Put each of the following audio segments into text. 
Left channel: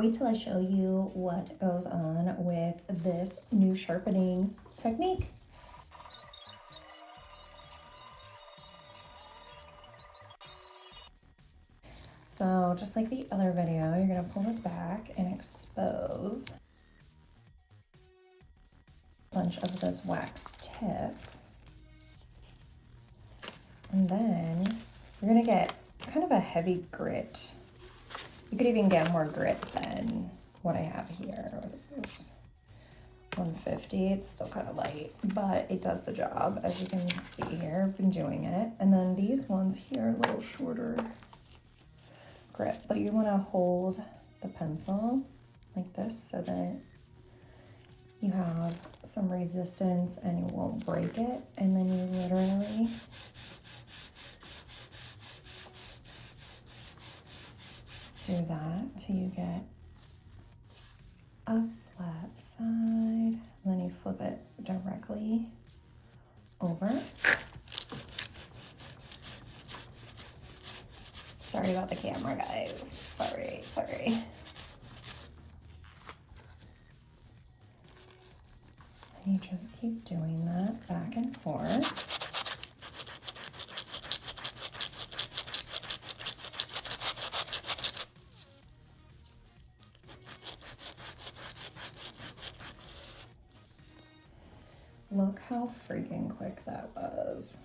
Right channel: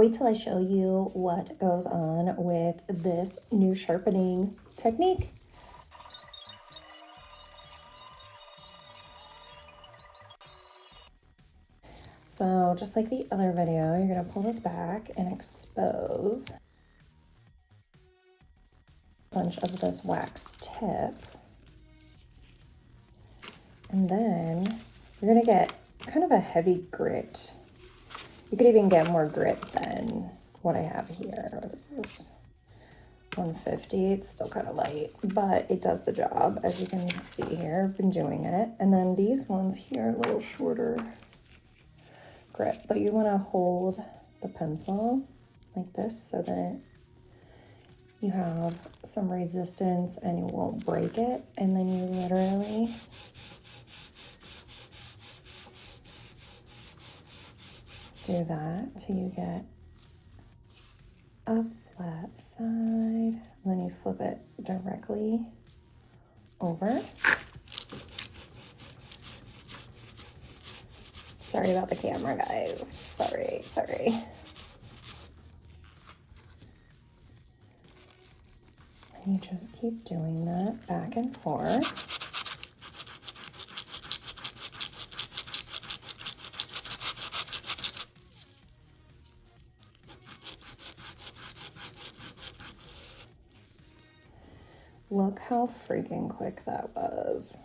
Wait till I show you what goes on with this new sharpening technique. So just like the other video, you're gonna pull this back and expose a bunch of this wax tip. And then you're gonna get kind of a heavy grit. You could even get more grit than what I have here. What is this? 150. It's still kind of light, but it does the job, as you can see here. I've been doing it. And then these ones here are a little shorter grit, but you want to hold the pencil like this so that you have some resistance and it won't break it. And then you literally do that till you get a flat side, and then you flip it directly over. Sorry about the camera, guys. Sorry. And you just keep doing that back and forth. Look how freaking quick that was.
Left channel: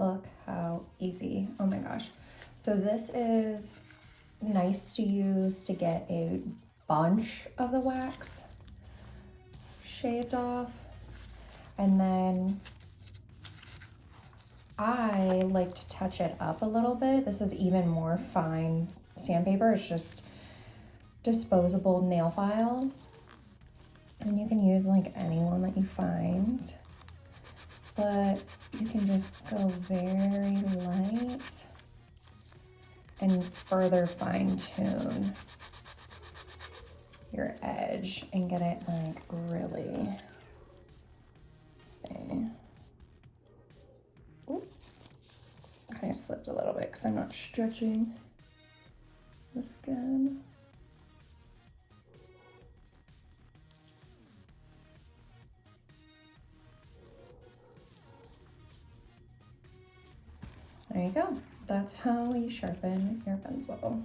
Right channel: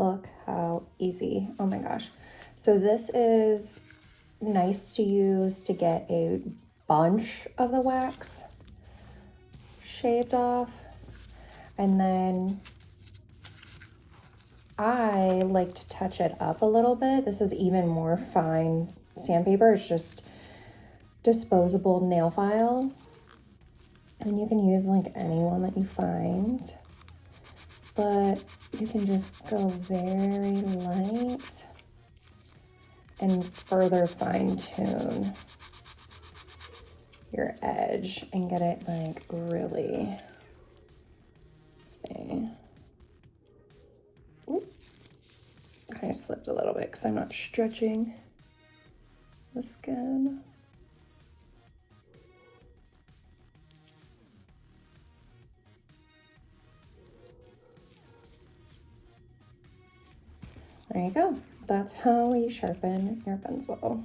Look how easy. Oh my gosh. So this is nice to use to get a bunch of the wax shaved off. And then I like to touch it up a little bit. This is even more fine sandpaper. It's just disposable nail file. And you can use like any one that you find. But you can just go very light and further fine tune your edge and get it like really, see. Oop. Kind of slipped a little bit because I'm not stretching the skin. There you go. That's how you sharpen your pencil.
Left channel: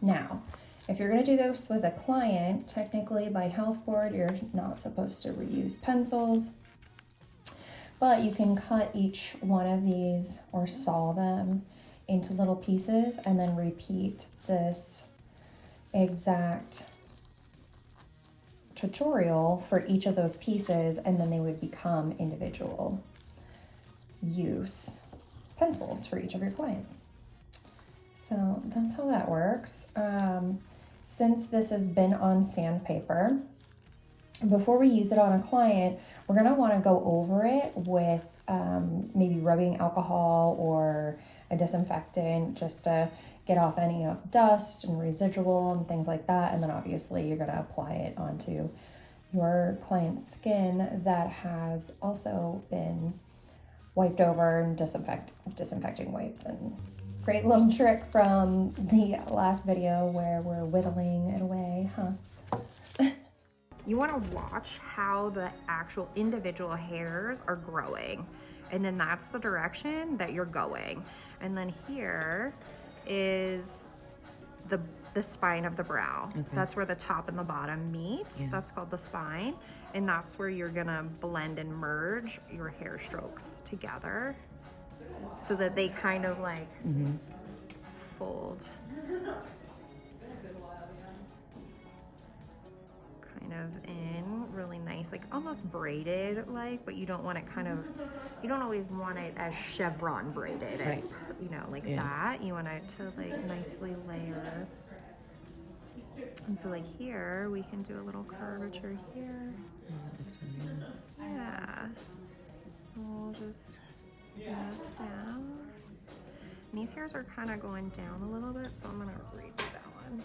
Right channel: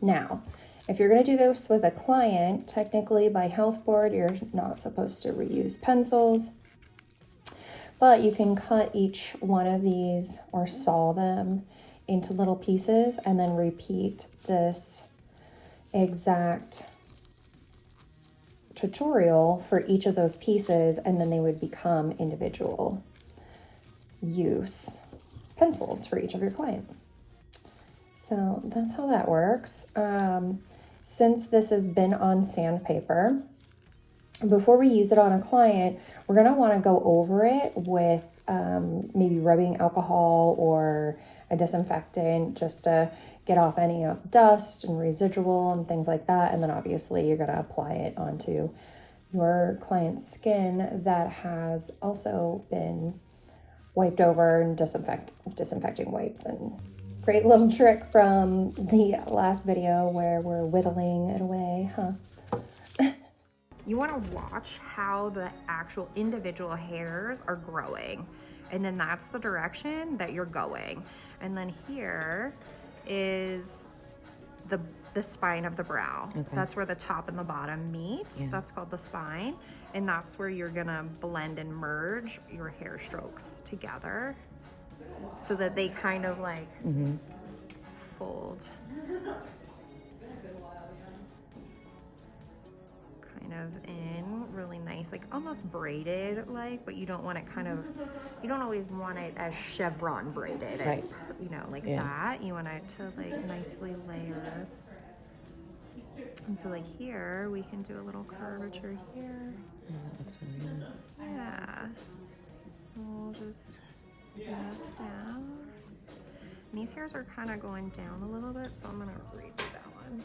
Now, if you're going to do this with a client, technically by health board, you're not supposed to reuse pencils, but you can cut each one of these or saw them into little pieces and then repeat this exact tutorial for each of those pieces, and then they would become individual use pencils for each of your client. So that's how that works. Since this has been on sandpaper, before we use it on a client, we're gonna wanna go over it with maybe rubbing alcohol or a disinfectant just to get off any dust and residual and things like that. And then obviously you're gonna apply it onto your client's skin that has also been wiped over and disinfecting wipes. And great little trick from the last video where we're whittling it away, huh? You want to watch how the actual individual hairs are growing, and then that's the direction that you're going. And then here is the spine of the brow. Okay. That's where the top and the bottom meet. Yeah. That's called the spine. And that's where you're gonna blend and merge your hair strokes together so that they kind of like fold. kind of in really nice, like almost braided like, but you don't want it kind of, you don't always want it as chevron braided, as, you know, like that. You want it to like nicely layer. And so like here, we can do a little curvature here. That looks really good. Yeah. And we'll just press down. And these hairs are kind of going down a little bit, so I'm gonna redo that one.